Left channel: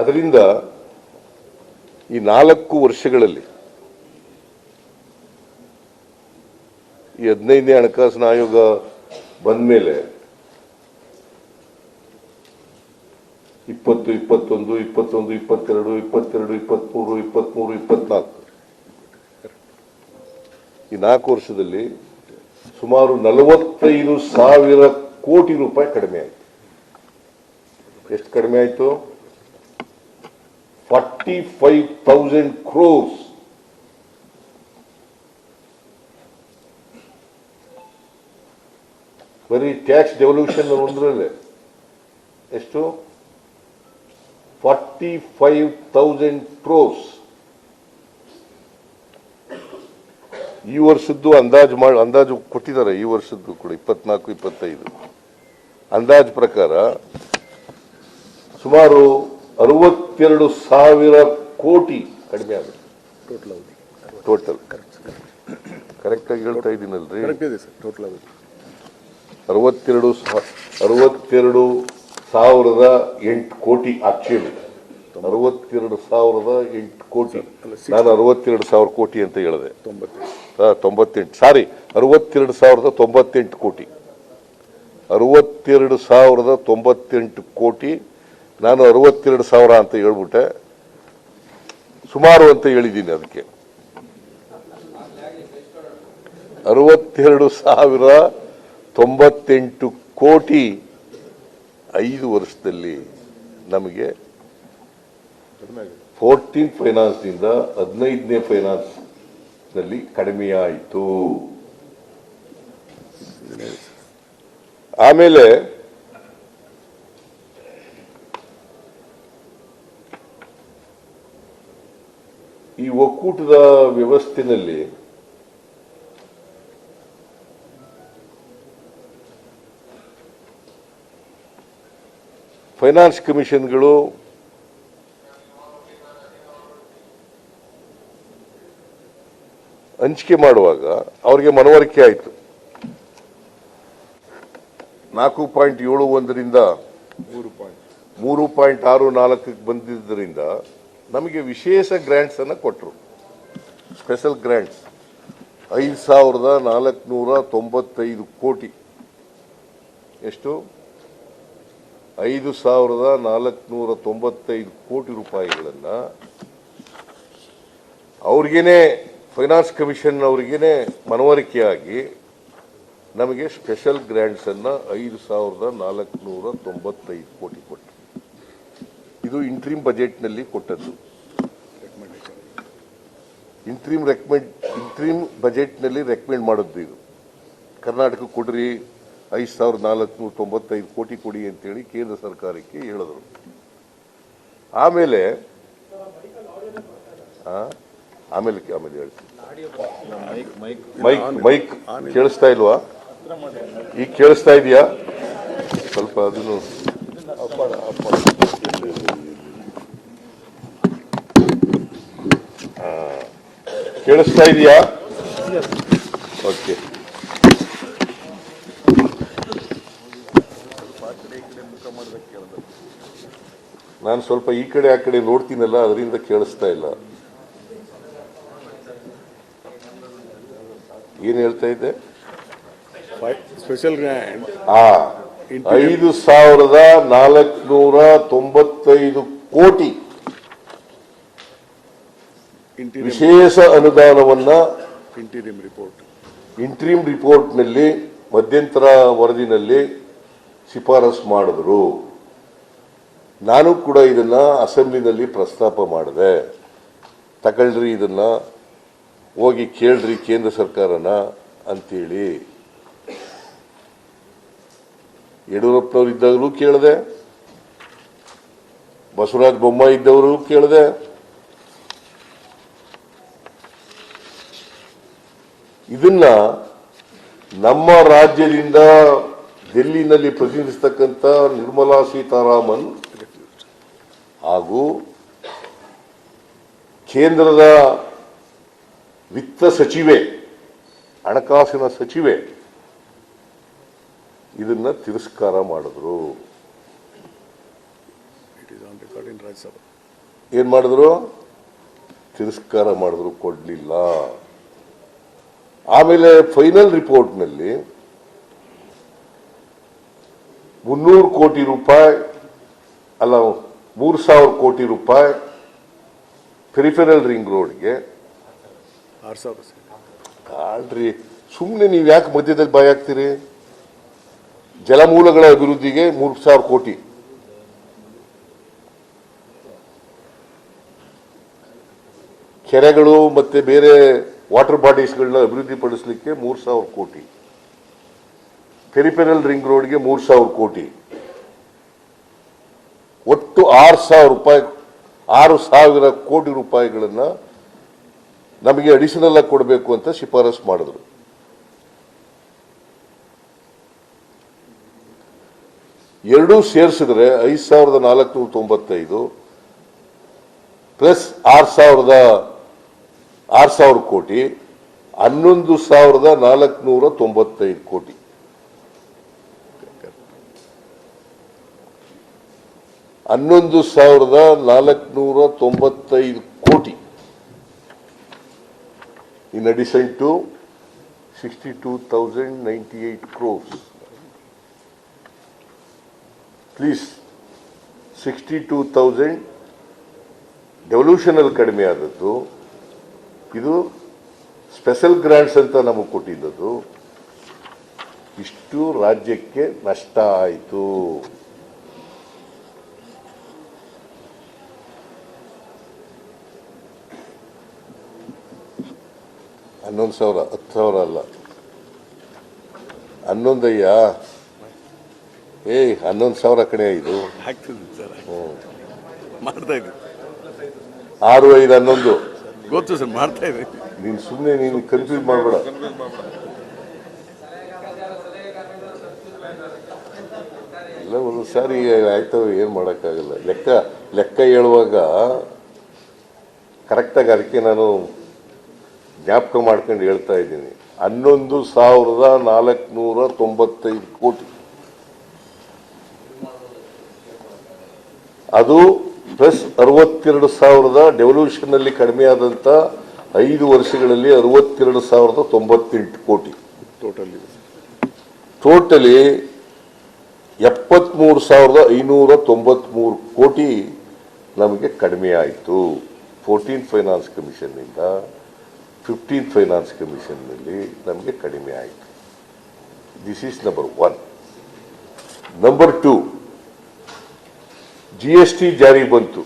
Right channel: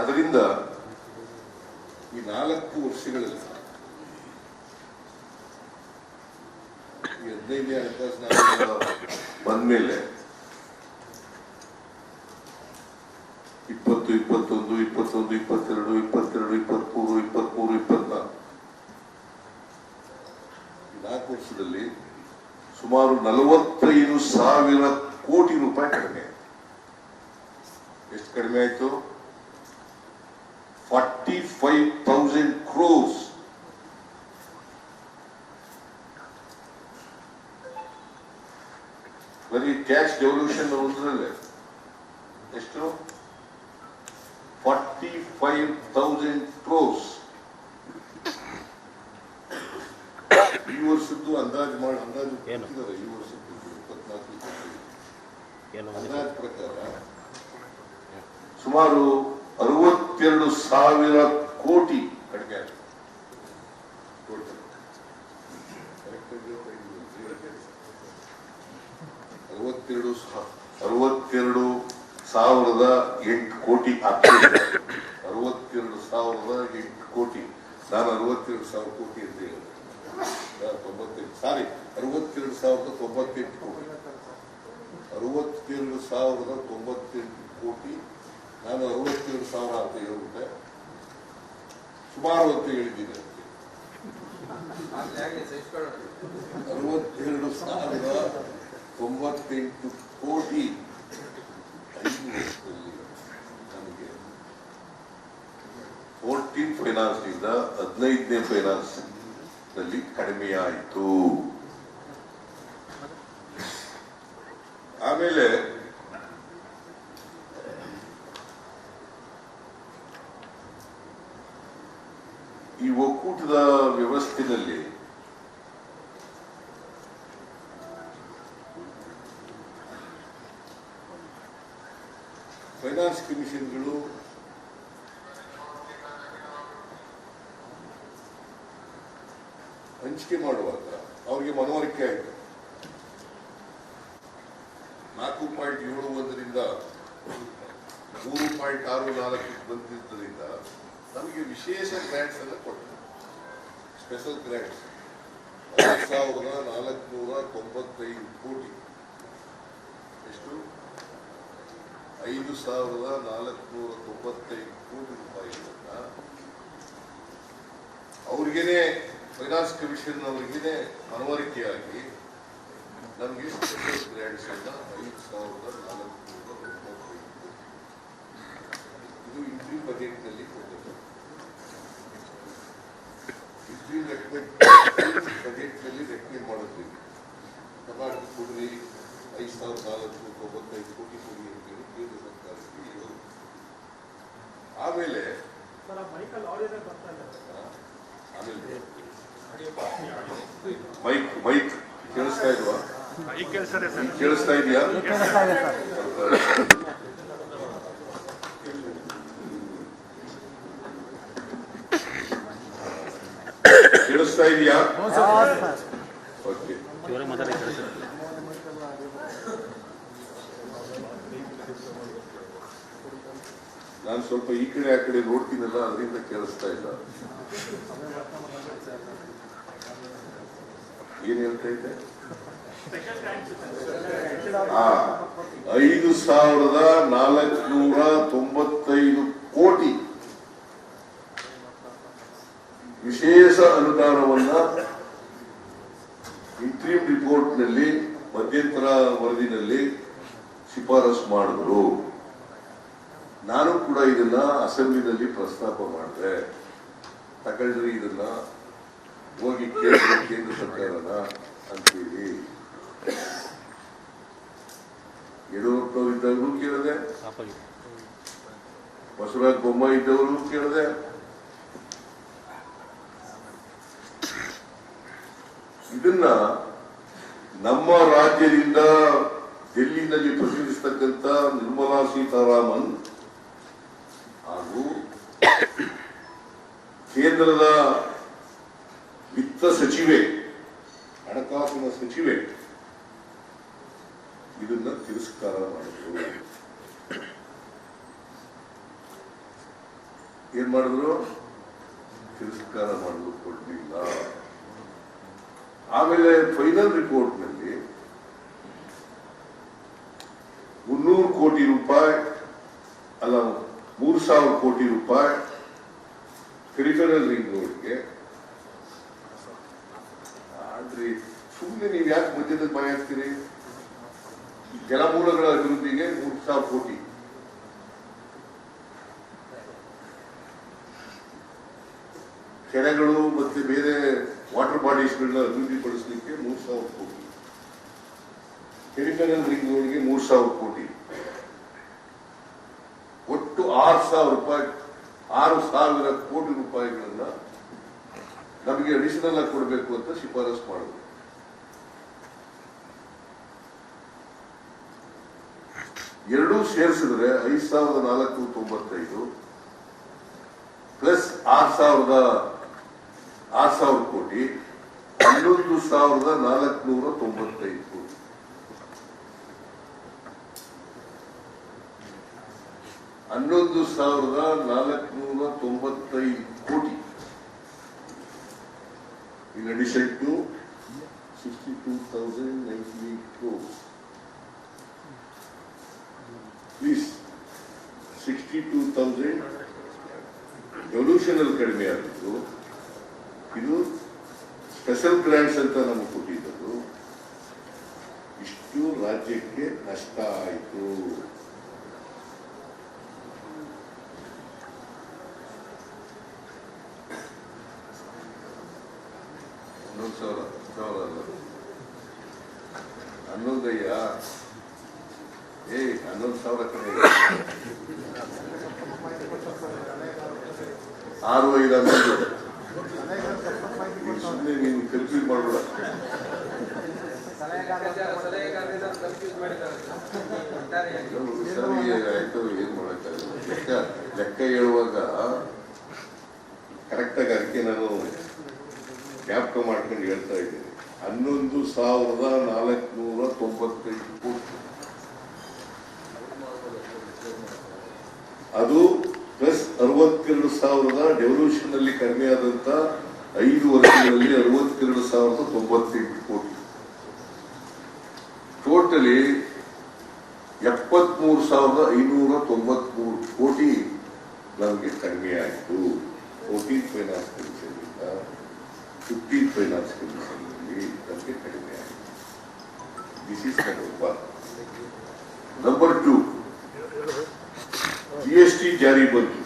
ಅದರಿಂದ ಈ ನಾಲ್ಕು ವರ್ಷಗಳಲ್ಲಿ ಈ ಹದಿನೈದನೇ ಹಣಕಾಸಿನ ಆಯೋಗ ಬಂದ ಮೇಲೆ ಇಪ್ಪತ್ತು, ಇಪ್ಪತ್ತೊಂದು ಇಪ್ಪತ್ತೊಂದು, ಇಪ್ಪತ್ತೆರಡು ಇಪ್ಪತ್ತೆರಡು ಇಪ್ಪತ್ಮೂರು ಇಪ್ಪತ್ಮೂರು ಇಪ್ಪತ್ನಾಲ್ಕು ಈ ನಾಲ್ಕು ವರ್ಷದಲ್ಲಿ ಸುಮಾರು ನಲವತ್ತೈದು ಸಾವಿರ ಕೋಟಿ ರೂಪಾಯಿ ಕಡಿಮೆ ಆಯಿತು. ಎಷ್ಟು ಕಡಿಮೆ ಆಯಿತು? ಫಾರ್ಟಿ ಫೈವ್ ತೌಸಂಡ್ ಕ್ರೋರ್ಸ್ ಬರೀ ಕ್ಯಾಶ್ ಡೆವಲ್ಯೂಷನ್ ಒಂದರಲ್ಲೇ ಎಷ್ಟು? ಫಾರ್ಟಿ ಫೈವ್ ತೌಸಂಡ್ ಕ್ರೋಸ್ ಈ ವರ್ಷದ್ದು ಅಂದಾಜು ಮಾಡಿ, ಅಂದಾಜು ಕೊಟ್ಟಿದ್ದಾರೆ, ಈ ವರ್ಷದ್ದು ಕೂಡ, ಇಪ್ಪತ್ನಾಲ್ಕು, ಇಪ್ಪತ್ತೈದು. ಅಂದಾಜು ಪ್ರಕಾರ ಸುಮಾರು ಅರವತ್ತೆರಡು ಸಾವಿರ ಕೋಟಿ ಕಡಿಮೆ ಆಗುತ್ತೆ ಟೋಟಲ್ ಕರೆಕ್ಟ್ ಆಗಿ ಹೇಳ್ತಾ ಇದ್ದೀನಲ್ರಿ? ಅರವತ್ತೆರಡು ಅರವತ್ತೆರಡು ಸಾವಿರದ ಎಂಟು ಕೋಟಿ ಆಗ್ತದೆ. ಅರವತ್ತೆರಡು ಸಾವಿರದ ಎಂಟು ಕೋಟಿ. ನಾನು ಅರವತ್ತೆರಡು ಸಾವಿರ ಕೋಟಿ ಅಂತ ಹೇಳಿದೆ. ತೊಂಬತ್ತೆಂಟು. ಸಾರಿ ಅರವತ್ತೆರಡು ಸಾವಿರದ ತೊಂಬತ್ತೆಂಟು ಕೋಟಿ. ಅರವತ್ತೆರಡು ಸಾವಿರದ ತೊಂಬತ್ತೆಂಟು ಕೋಟಿ ನಾನು ಅರವತ್ತೆರಡು ಸಾವಿರ ಅಂತ ಹೇಳ್ಬಿಟ್ಟೆ. ಸುಮಾರು ಅಂತ ಹೇಳಿದ್ದೀನಿ ಅದಕ್ಕೆ. ಅರವತ್ತೆರಡು ಸಾವಿರ ತೊಂಬತ್ತೆಂಟು ಕೋಟಿ ಐದು ವರ್ಷದಲ್ಲಿ ನಮಗೆ ಫೋರ್ಟೀನ್ ಫೈನಾನ್ಸ್ನಿಂದ ಹದಿನೈದನೇ ಫೈನಾನ್ಸ್ನಲ್ಲಿ ಕಡಿಮೆಯಾಯಿತು ಆಮೇಲೆ ಈ ಒಕ್ಕೂಟದ ವ್ಯವಸ್ಥೆಯಲ್ಲಿ ಫೈನಾನ್ಸ್ ಕಮಿಷನ್ಗಳು ಹಂಚಿಕೆ ಮಾಡುವಾಗ ಅವರಿಗೆ ಮನವರಿಕೆ ಆಯಿತು. ನಾಲ್ಕು ಪಾಯಿಂಟ್ ಏಳು ಒಂದರಿಂದ ಮೂರು ಪಾಯಿಂಟ್. ಆರು ನಾಲ್ಕಕ್ಕೆ ಬಂದಿದ್ದರಿಂದ ನಮಗೆ ವಿಶೇಷ ಗ್ರ್ಯಾಂಟ್ಸ್ ಅನ್ನು ಕೊಟ್ಟರು ಸ್ಪೆಷಲ್ ಗ್ರ್ಯಾಂಟ್ಸ್ ಐದು ಸಾವಿರದ ನಾಲ್ಕುನೂರ ತೊಂಬತ್ತೈದು ಕೋಟಿ. ಎಷ್ಟು? ಐದು ಸಾವಿರದ ನಾಲ್ಕುನೂರ ತೊಂಬತ್ತೈದು ಕೋಟಿ ರೂಪಾಯಿಗಳನ್ನು ಅವ್ರಿಗೇನೆ ಫೈನಾನ್ಸ್ ಕಮಿಷನ್ ಅವ್ರಿಗೇನೆ ಮನವರಿಕೆಯಾಗಿ ನಮಗೆ ಸ್ಪೆಷಲ್ ಗ್ರ್ಯಾಂಟ್ಸನ್ನು ಐದು ಸಾವಿರದ ನಾಲ್ಕುನೂರ ತೊಂಬತ್ತೈದು ಕೋಟಿ ಕೊಟ್ಟು ಇದು ಇಂಟ್ರೀಮ್ ಬಜೆಟ್ನಲ್ಲಿ ಕೊಟ್ಟದ್ದು. ಇಂಟ್ರೀಮ್ ರೆಕಮೆಂಡ್ ಇಂಟ್ರೀಮ್ ಬಜೆಟ್ನಲ್ಲಿ ರೆಕಮೆಂಡ್ ಮಾಡಿದ್ದು ಇದು. ಕರ್ನಾಟಕ ಕೊಡ್ರಿ ಐದು ಸಾವಿರದ ನಾಲ್ಕುನೂರ ತೊಂಬತ್ತೈದು ಕೋಟಿ ಕೊಡಿ ಅಂತೇಳಿ ಕೇಂದ್ರ ಸರ್ಕಾರಕ್ಕೆ ಹೇಳಿದರು. ಆಮೇಲೆ? ಆಮೇಲೆ ಆಮೇಲೆ ಹೇಳಿ ಮೈಕ್ ಮೈಕ್ ಕೇಳಿಸ್ತಾ ಇಲ್ವಾ? ಈಗ ಕೇಳಿಸ್ತಾ ಇದೆಯಾ? ಸ್ವಲ್ಪ ಕೇಳಿಸ್ತಾ ಇದೆಯಾ? ಓಕೆ. ನಾನು ಸ್ವಲ್ಪ ಈ ಕಡೆ ಆ ಕಡೆ ನೋಡ್ತೀನಲ್ಲ ಅದರಿಂದ ಕೇಳಿಸ್ತಾ ಇಲ್ಲ. ಏನ್ ಹೇಳ್ತಾ ಇದ್ದೆ? ಸ್ಪೆಷಲ್ ಹಾ ಐದು ಸಾವಿರದ ನಾಲ್ಕುನೂರ ತೊಂಬತ್ತೈದು ಕೋಟಿ ವಿಶೇಷ ಅನುದಾನವನ್ನ ಇಂಟೀರಿಯಂ ರಿಪೋರ್ಟ್ ಇಂಟ್ರೀಮ್ ರಿಪೋರ್ಟ್ನಲ್ಲಿ ಮಧ್ಯಂತರ ವರದಿನಲ್ಲಿ ಶಿಫಾರಸ್ ಮಾಡಿದ್ರು. ನಾನು ಕೂಡ ಇದನ್ನ ಅಸೆಂಬ್ಲಿನಲ್ಲಿ ಪ್ರಸ್ತಾಪ ಮಾಡಿದೆ. ತಗೊಳ್ರಿ ಇದನ್ನ ಹೋಗಿ ಕೇಳ್ರಿ ಕೇಂದ್ರ ಸರ್ಕಾರನ ಅಂತೇಳಿ. ಯಡಿಯೂರಪ್ಪನವ್ರು ಇದ್ದಾಗಲೂ ಕೇಳಿದೆ. ಬಸವರಾಜ ಬೊಮ್ಮಾಯಿ ಇದ್ದವರು ಕೇಳಿದೆ. ಇದನ್ನ ನಮ್ಮ ರಾಜ್ಯದಿಂದ ಡೆಲ್ಲಿನಲ್ಲಿ ಪ್ರತಿನಿಧಿಸ್ತಕ್ಕಂಥ ನಿರ್ಮಲಾ ಸೀತಾರಾಮನ್ ಹಾಗೂ ಕೇಂದ್ರದ ವಿತ್ತ ಸಚಿವೆ, ಹಣಕಾಸಿನ ಸಚಿವೆ ಇದನ್ನ ತಿರಸ್ಕಾರ ಮಾಡಿದ್ರು. ಏನು ಮಾಡಿದ್ರು? ತಿರಸ್ಕಾರ ಮಾಡಿದ್ರು ಕೊಡಲಿಲ್ಲ. ಆಮೇಲೆ ಫೈನಲ್ ರಿಪೋರ್ಟ್ನಲ್ಲಿ ಮುನ್ನೂರು ಕೋಟಿ ರೂಪಾಯಿ ಅಲ್ಲ ಮೂರು ಸಾವಿರ ಕೋಟಿ ರೂಪಾಯಿ ಪೆರಿಫೆರಲ್ ರಿಂಗ್ ರೋಡ್ಗೆ ಆರು ಸಾವಿರ. ಸುಮ್ಮನೆ ನೀವು ಯಾಕೆ ಮಧ್ಯದಲ್ಲಿ ಬಾಯಾಗ್ತೀರಿ? ಜಲಮೂಲಗಳ ಅಭಿವೃದ್ಧಿಗೆ ಮೂರು ಸಾವಿರ ಕೋಟಿ. ಕೆರೆಗಳು ಮತ್ತೆ ಬೇರೆ ವಾಟರ್ ಬಾಡೀಸ್ಗಳನ್ನ ಅಭಿವೃದ್ಧಿಪಡಿಸಲಿಕ್ಕೆ ಮೂರು ಸಾವಿರ ಕೋಟಿ. ಕೆರಿಪೆನಲ್ ರಿಂಗ್ ರೋಡ್ಗೆ ಮೂರು ಸಾವಿರ ಕೋಟಿ. ಒಟ್ಟು ಆರು ಸಾವಿರ ರೂಪಾಯಿ, ಆರು ಸಾವಿರ ಕೋಟಿ ರೂಪಾಯಿಗಳನ್ನು ನಮಗೆ ಅಡಿಷನಲ್ ಆಗಿ ಕೊಡಬೇಕು ಅಂತ ಶಿಫಾರಸು ಮಾಡಿದ್ರು. ಎರಡೂ ಸೇರಿಸಿದ್ರೆ ಐದು ಸಾವಿರದ ನಾಲ್ಕುನೂರ ತೊಂಬತ್ತೈದು ಪ್ಲಸ್ ಆರು ಸಾವಿರದ, ಆರು ಸಾವಿರ ಕೋಟಿ, ಹನ್ನೊಂದು ಸಾವಿರದ ನಾಲ್ಕುನೂರ ತೊಂಬತ್ತೈದು ಕೋಟಿ. ಹನ್ನೊಂದು ಸಾವಿರದ ನಾಲ್ಕುನೂರ ತೊಂಬತ್ತೈದು ಕೋಟಿ. In addition to sixty two thousand ninety eight to 62,098 crores. Please, 62,000 ಡೆವಲ್ಯೂಷನಲ್ ಕಡಿಮೆ ಆದದ್ದು. ಇದು ಸ್ಪೆಷಲ್ ಗ್ರ್ಯಾಂಟ್ಸ್ ಅಂತ ನಮಗೆ ಕೊಟ್ಟಿದ್ದದ್ದು. ಇಷ್ಟು ರಾಜ್ಯಕ್ಕೆ ನಷ್ಟ ಆಯಿತು. ಹನ್ನೊಂದು ಸಾವಿರ ಹತ್ತು ಸಾವಿರ ಅಲ್ಲ. ಹನ್ನೊಂದಯ್ಯ? ಏಯ್ ಹನ್ನೊಂದು ಸಾವಿರ ಕಡೆ ಮಾಡ್ತಾ ಆರು ಐದು ಹನ್ನೊಂದು. ಗೊತ್ತು ಸರ್ ಮಾಡ್ತಾ ಇದೆ ನೀನು ಸುಮ್ಮನೆ ನೀನು ಕನ್ಫ್ಯೂಸ್ ಮಾಡಬೇಡ. ಇಲ್ಲ ಒಂದು ಸಾರಿ ಆಯ್ತವ ಏನು ಮಾಡೋಕ್ಕಾಗಲ್ಲ. ಲೆಕ್ಕ ಲೆಕ್ಕ ಹೇಳುವಾಗ ಕರೆಕ್ಟಾಗಿ ಅದಕ್ಕೆ ನಾನು ಜ್ಞಾಪಕ ಮಾಡ್ಕೊಂಡು ಹೇಳ್ತಾ ಇದ್ದೀನಿ. ಹನ್ನೊಂದು ಸಾವಿರದ ನಾಲ್ಕುನೂರ ತೊಂಬತ್ತೈದು ಕೋಟಿ. ಅದು ಪ್ಲಸ್ ಅರವತ್ತೆರಡು ಸಾವಿರದ ಡೆವಲ್ಯೂಷನ್ ಅಲ್ಲಿ ಕಡಿಮೆ ಆದಂತ ಐದು ವರ್ಷಗಳಲ್ಲಿ ಅರವತ್ತೆರಡು ಸಾವಿರದ ತೊಂಬತ್ತೆಂಟು ಕೋಟಿ. ಟೋಟಲಿ ಟೋಟಲಿ ಎಪ್ಪತ್ಮೂರು ಸಾವಿರದ ಐನೂರ ತೊಂಬತ್ಮೂರು ಕೋಟಿ ನಮಗೆ ಕಡಿಮೆ ಆಯಿತು. ಫೋರ್ಟೀನ್ ಫೈನಾನ್ಸ್ ಕಮಿಷನ್ನಿಂದ ಫಿಫ್ಟೀನ್ ಫೈನಾನ್ಸ್ ಕಮಿಷನ್ನಲ್ಲಿ ನಮಗೆ ಕಡಿಮೆ ಆಯಿತು. This is number one number two G S T ಜಾರಿ ಬಂತು